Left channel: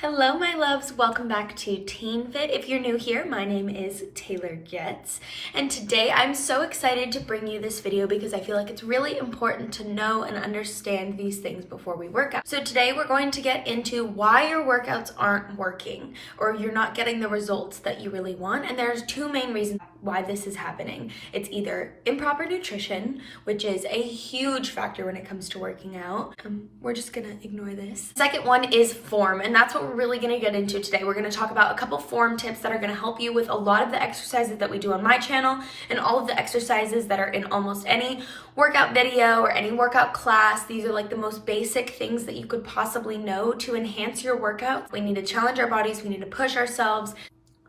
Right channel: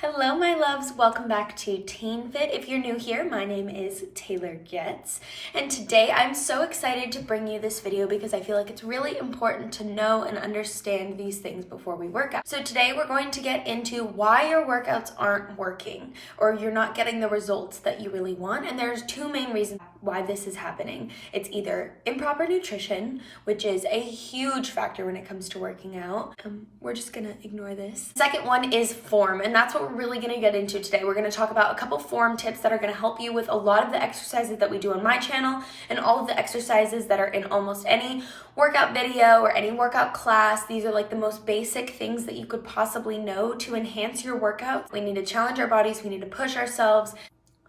Hello, my loves. Welcome back to Teen Fit. If you're new here, my name is Taylor.getzz, and today I'm so excited to bring you this video because I feel like it's really important to know and understand these things before we work out. So today we're going to get into why your workouts aren't working or you're not getting the results that you really want, and there's two main reasons why this is happening. It's either improper nutrition, which is a huge factor when it comes to working out. We're just gonna ignore this. Second one is form, and that's what we're really gonna get into today. We're gonna talk about a couple form tips that are gonna help you with a lot of the exercises that we do on my channel and all of the exercises that are in almost any workout video or any workout class. These are like the most basic things that you could possibly know to enhance your workout. We need to challenge our bodies, we need to push ourselves.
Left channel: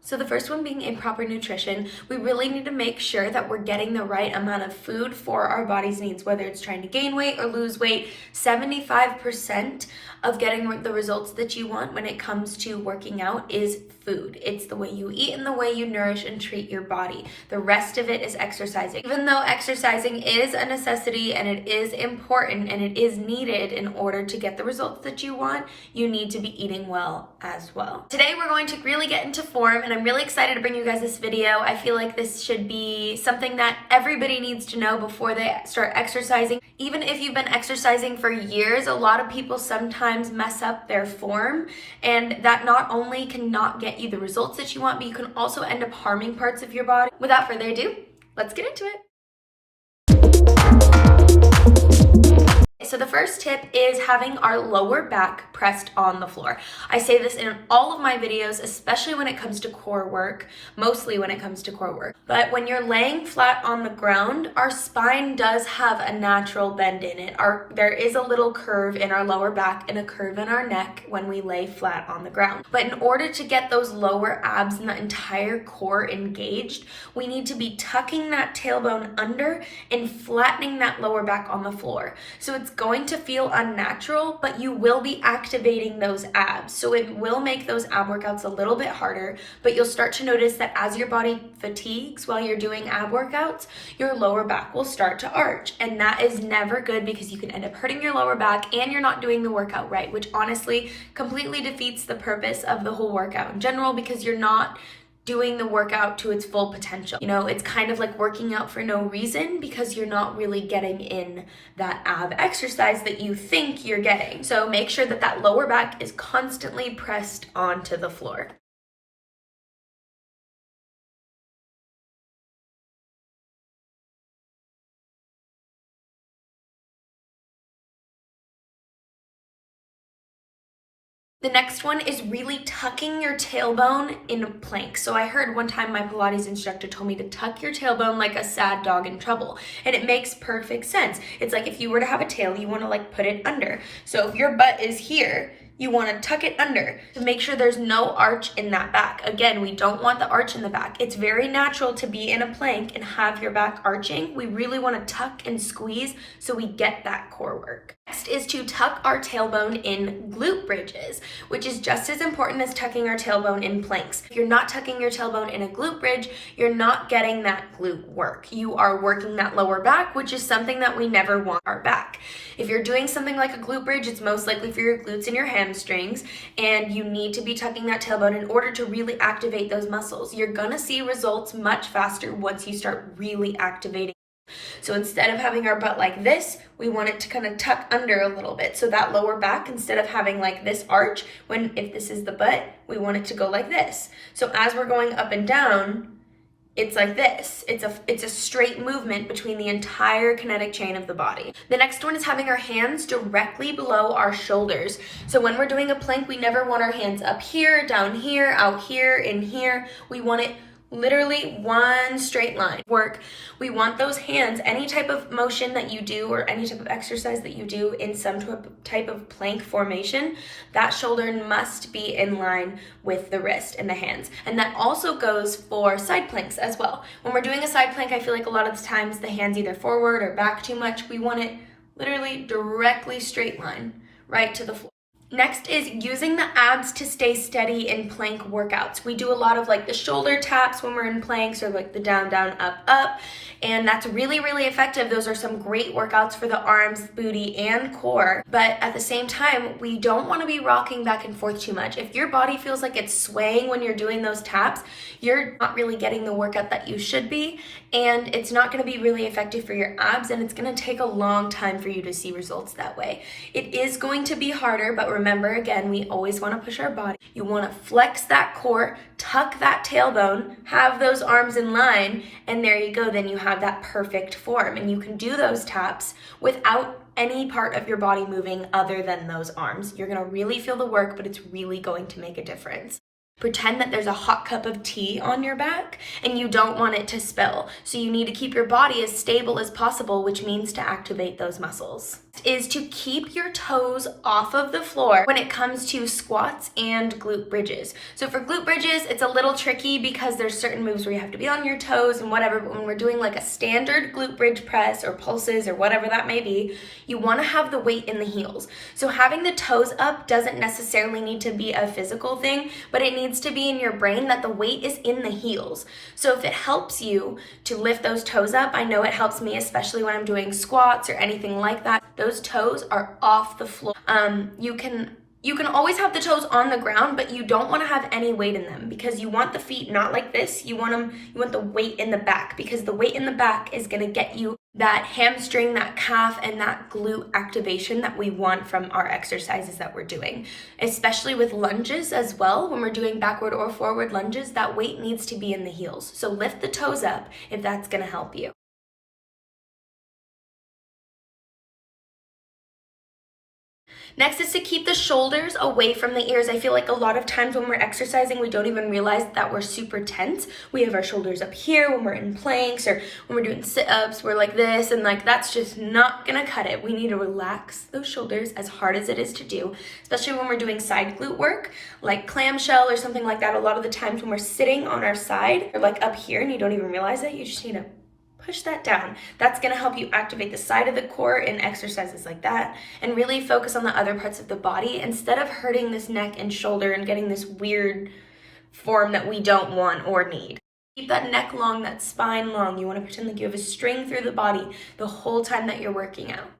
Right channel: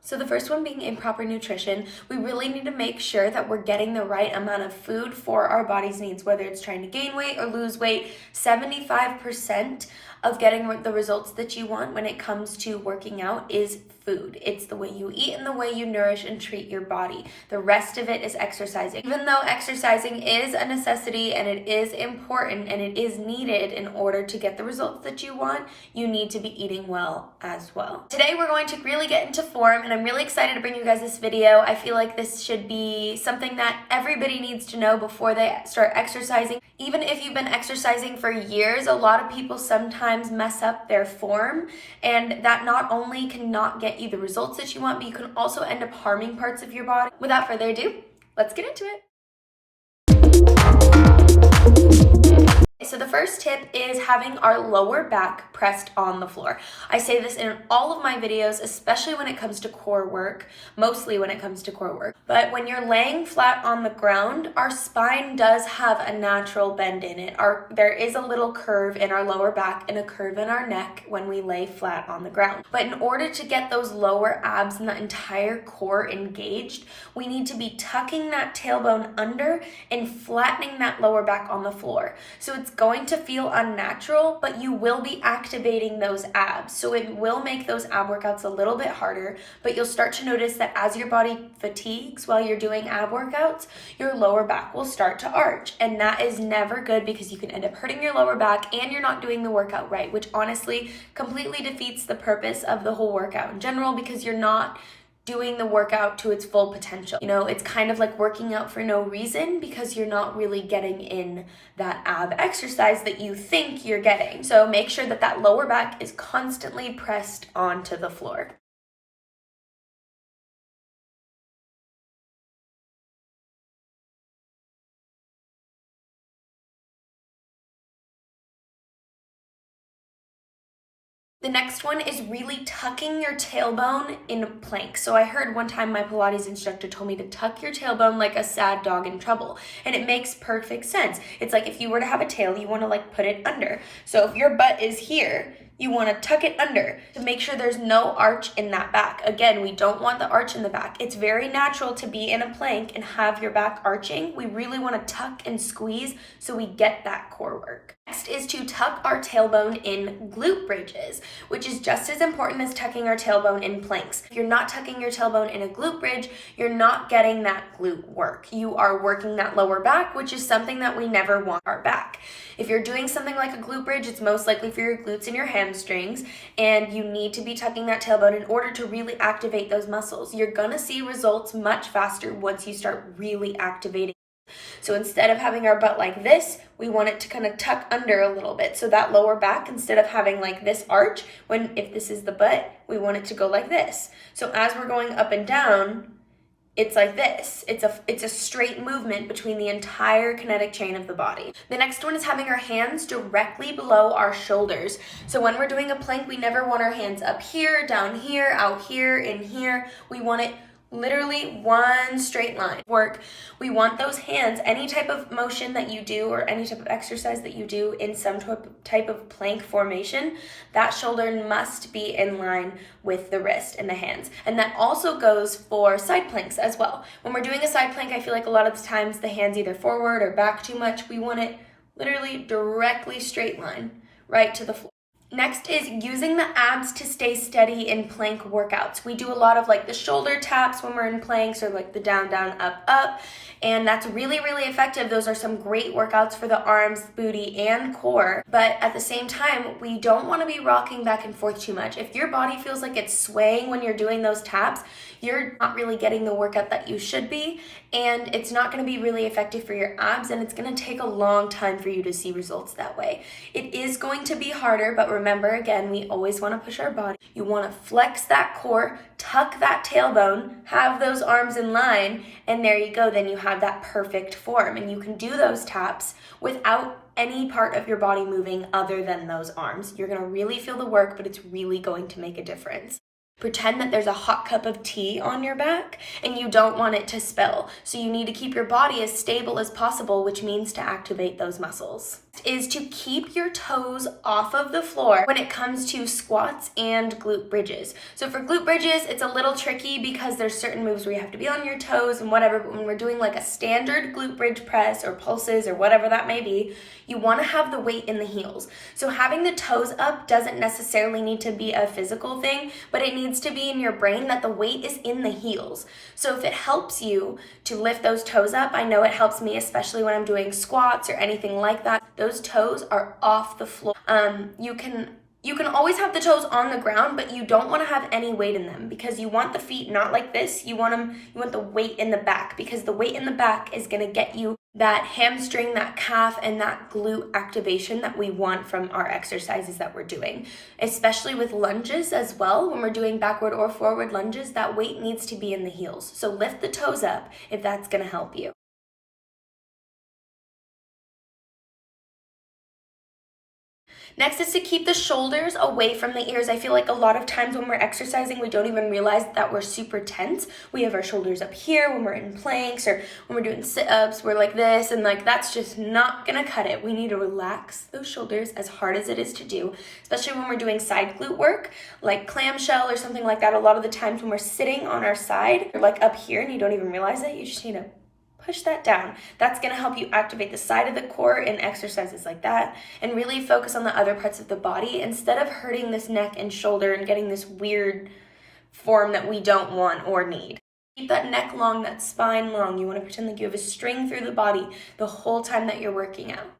So the first one being improper nutrition. We really need to make sure that we're getting the right amount of food for our body's needs, whether it's trying to gain weight or lose weight. 75% of getting the results that you want when it comes to working out is food. It's the way you eat and the way you nourish and treat your body. The rest of it is exercising. Even though exercising is a necessity and it is important and it is needed in order to get the results that you want, you need to be eating well as well. Today we're going to really get into form, and I'm really excited to bring you guys this video. I feel like this should be something that everybody needs to know before they start exercising. Even if you've been exercising for years, a lot of people sometimes mess up their form, and that not only cannot get you the results that you want, but you can also end up harming parts of your body. Without further ado, let's get into it. So the first tip is having our lower back pressed on the floor. I say this in all of my videos, especially when it comes to core work, mostly when it comes to core work. But when you're laying flat on the ground, our spine does have a natural bend in it. There is a little curve in our lower back and a curve in our neck when we lay flat on the ground. But in order to get those lower abs and the entire core engaged, we need to be tucking that tailbone under and flattening that lower back on the floor. So it's going to feel unnatural, but you will be activating those abs. So it will make those ab workouts a little bit harder, but you'll start to notice that as your body fatigues while you're doing ab workouts, your lower back will start to arch. And that is never good because you can end up hurting your lower back and you're not doing the workout right, which honestly completely defeats the purpose of the whole workout in general because you're not doing the workout to its full potential. You know, it's kind of like working out for no reason because you're not really getting in that ab exercise that you think you're getting. So make sure that that lower back is constantly pressed onto the floor. The next one is really tucking your tailbone in a plank. So I heard one time my Pilates instructor told me to tuck your tailbone like a sad dog in trouble. And it makes perfect sense. It's like if you were to have a tail, you want to like put it under. So if your butt is here, you want to tuck it under to make sure there's no arch in that back. Again, we don't want the arch in the back. It's very natural to be in a plank and have your back arching. We really want to tuck and squeeze so we get that core work. Next is to tuck our tailbone in glute bridges, which is just as important as tucking our tailbone in planks. If you're not tucking your tailbone in a glute bridge, you're not getting that glute work. You are working that lower back, which is something that we never want our back. If you're doing something like a glute bridge, it's most likely for your glutes and your hamstrings, and you need to be tucking that tailbone in order to really activate those muscles. You're gonna see results much faster once you start really activating. So instead of having our butt like this, we want it to kind of tuck under a little bit. So that lower back, instead of having like this arch, if this is the butt, we want it to go like this. So as we're going up and down, it's like this. It's a straight movement between the entire kinetic chain of the body. The next one is having our hands directly below our shoulders. So when we're doing a plank, we never want our hands up here, down here, out here, in here. We want it literally one straight line work. We want those hands, any type of motion that you do or any type of exercise that you do in some type of plank formation, that shoulder must be in line with the wrist and the hands. And that also goes for side planks as well. When we're doing a side plank, I feel like a lot of the times the hands either forward or back too much. We want it literally directly straight line right to the floor. Next is using the abs to stay steady in plank workouts. We do a lot of like the shoulder taps when we're in planks, or like the down, down, up, up. And that's really, really effective. Those are some great workouts for the arms, booty, and core. But at the same time, we don't want to be rocking back and forth too much. If your body feels like it's swaying when you're doing those taps, you're not really getting the workout that you should be. And it's not going to be really effective for your abs. And it's going to take a long time for you to see results that way. It is going to be harder, but remember, again, we always want to push our body. You want to flex that core, tuck that tailbone, have those arms in line, and there you go. Then you have that perfect form. And you can do those taps without any part of your body moving other than those arms. You're going to really feel the work, but it's really going to make a difference. Pretend that there's a hot cup of tea on your back and you don't want it to spill. So you need to keep your body as stable as possible, which means to activate those muscles. Is to keep your toes off of the floor when it comes to squats and glute bridges. So for glute bridges, it's a little tricky because there's certain moves where you have to be on your toes and whatever, but when we're doing like a standard glute bridge press or pulses or whatever that may be, you want to have the weight in the heels. So having the toes up doesn't necessarily need to be a physical thing, but it needs to be in your brain that the weight is in the heels. So if it helps you to lift those toes up, I know it helps me, especially when I'm doing squats or anything like that. Those toes are off the floor. You can always have the toes on the ground, but you don't want to have any weight in them because you want the feet not like this. You want the weight in the back, because the weight in the back is going to get you that hamstring, that calf, and that glute activation that we want from our exercises that we're doing. Especially with lunges as well, when we're doing backward or forward lunges, that weight needs to be in the heels. So lift the toes up if that's going to help you. Next is to keep the shoulders away from the ears. I feel like a lot of times when we're exercising, we don't even realize that we're super tense. We have our shoulders up here when we're in planks, or when we're doing sit-ups, we're like this, and like that's just not gonna cut it. We need to relax those shoulders as hard as it is to do, especially when we're doing side glute work, like clamshell or something like that. A lot of the times when we're sitting on our side, or like up here and you don't even realize it, you just need to push that down. That's going to help you activate the side of the core in exercises like that, and really focus on the other parts of the body instead of hurting this neck and shoulder and getting this weird form that we don't want or need. Keep that neck long, that spine long. You want to pretend like you have a string through the body the whole time that you're working out.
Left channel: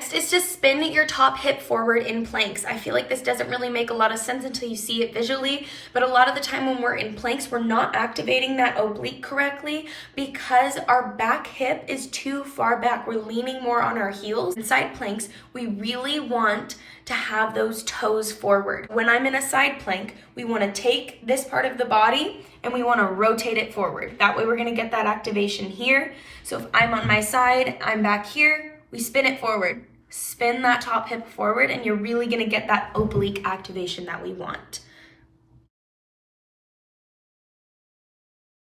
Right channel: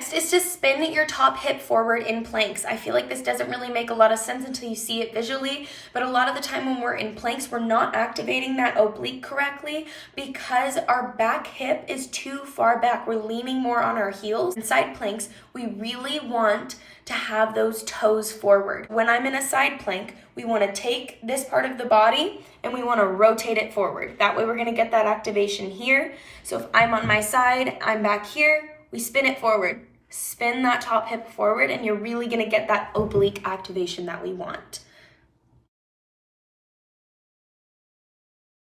Next is to spin your top hip forward in planks. I feel like this doesn't really make a lot of sense until you see it visually, but a lot of the time when we're in planks, we're not activating that oblique correctly because our back hip is too far back. We're leaning more on our heels. In side planks, we really want to have those toes forward. When I'm in a side plank, we want to take this part of the body and we want to rotate it forward. That way we're going to get that activation here. So if I'm on my side, I'm back here, we spin it forward. Spin that top hip forward and you're really going to get that oblique activation that we want.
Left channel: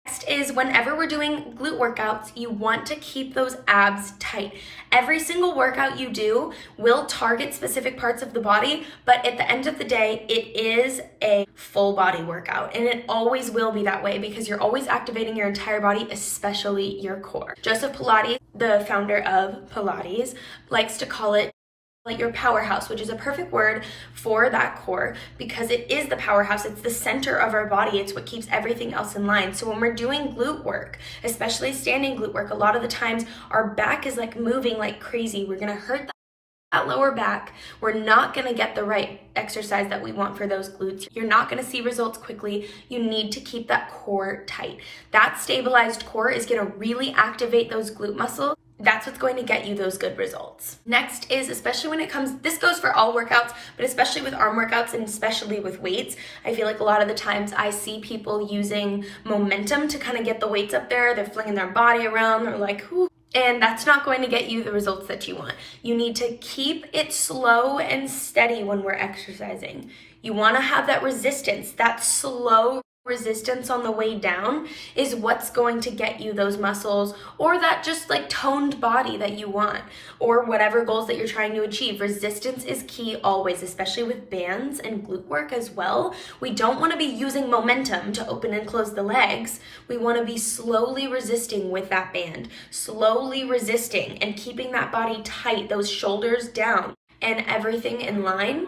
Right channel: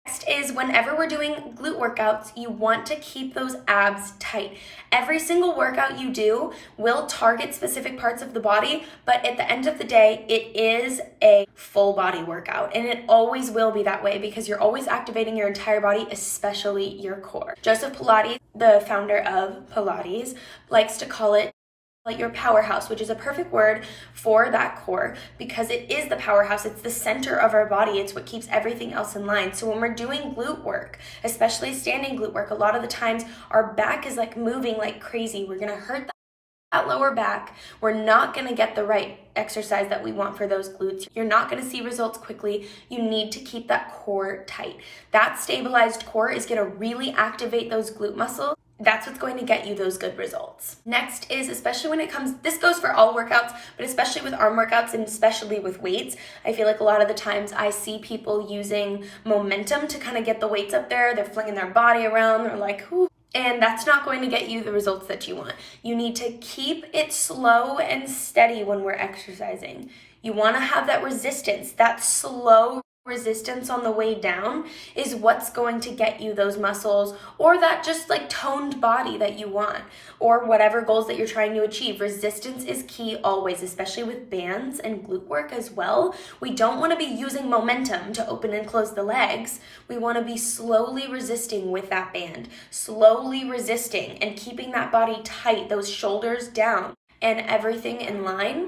Next is whenever we're doing glute workouts, you want to keep those abs tight. Every single workout you do will target specific parts of the body, but at the end of the day, it is a full body workout, and it always will be that way because you're always activating your entire body, especially your core. Joseph Pilates, the founder of Pilates, likes to call it like your powerhouse, which is a perfect word for that core because it is the powerhouse. It's the center of our body. It's what keeps everything else in line. So when we're doing glute work, especially standing glute work, a lot of the times our back is like moving like crazy. We're going to hurt that lower back. We're not going to get the right exercise that we want for those glutes. You're not going to see results quickly. You need to keep that core tight. That stabilized core is going to really activate those glute muscles. That's what's going to get you those good results. Next is, especially when it comes, this goes for all workouts, but especially with arm workouts and especially with weights, I feel like a lot of the times I see people using momentum to kind of get the weights up there. They're flinging their body around. They're like, whoo. And that's not going to get you the results that you want. You need to keep it slow and steady when we're exercising. You want to have that resistance, that slow resistance on the way down is what's going to get you those muscles or that just like toned body that you want or whatever goals that you're trying to achieve. Resistance is key always, especially with bands and glute work as well. We don't want to be using momentum to open and close the legs. We want to be slowly resisting with that band, slowly resisting and keeping that body tight, those shoulders down. and everything in line,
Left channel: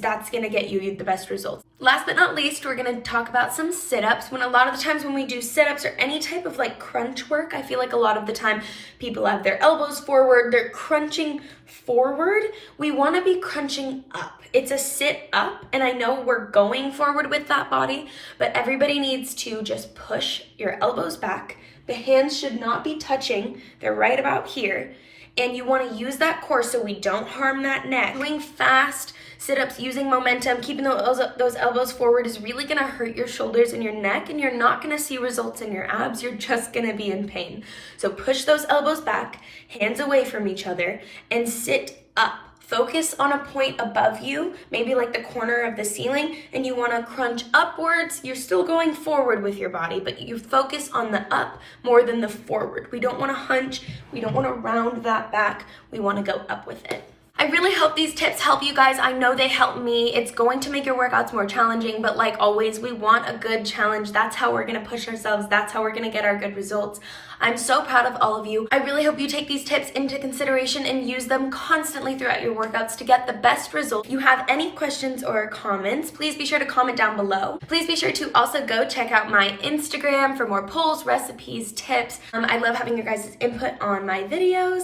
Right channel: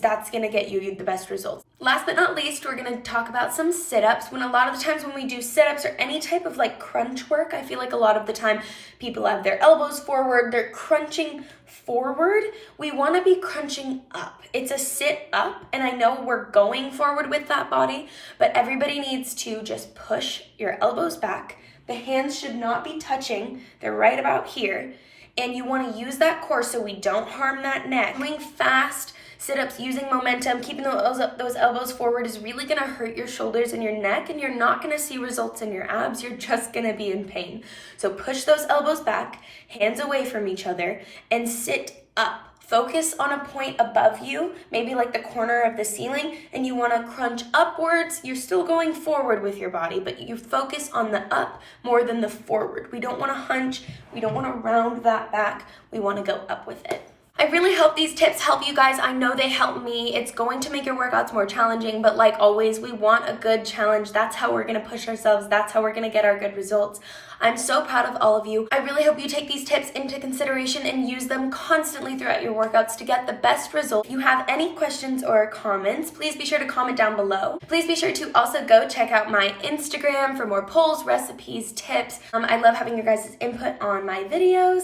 that's gonna get you the best results. Last but not least, we're gonna talk about some sit-ups. When a lot of the times when we do sit-ups or any type of like crunch work, I feel like a lot of the time people have their elbows forward, they're crunching forward. We wanna be crunching up. It's a sit up, and I know we're going forward with that body, but everybody needs to just push your elbows back. The hands should not be touching, they're right about here. And you wanna use that core so we don't harm that neck. Doing fast sit-ups, using momentum, keeping those elbows forward is really gonna hurt your shoulders and your neck, and you're not gonna see results in your abs, you're just gonna be in pain. So push those elbows back, hands away from each other, and sit up. Focus on a point above you, maybe like the corner of the ceiling, and you wanna crunch upwards. You're still going forward with your body, but you focus on the up more than the forward. We don't wanna hunch, we don't wanna round that back, we wanna go up with it. I really hope these tips help you guys. I know they help me. It's going to make your workouts more challenging, but like always, we want a good challenge. That's how we're gonna push ourselves. That's how we're gonna get our good results. I'm so proud of all of you. I really hope you take these tips into consideration and use them constantly throughout your workouts to get the best results. If you have any questions or comments, please be sure to comment down below. Please be sure to also go check out my Instagram for more polls, recipes, tips. I love having your guys' input on my videos.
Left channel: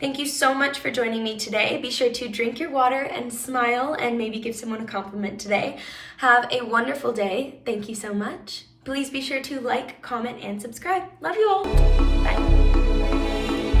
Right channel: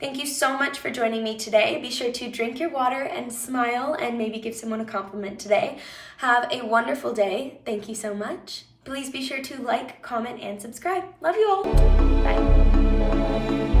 Thank you so much for joining me today. Be sure to drink your water and smile and maybe give someone a compliment today. Have a wonderful day. Thank you so much. Please be sure to like, comment, and subscribe. Love you all. Bye.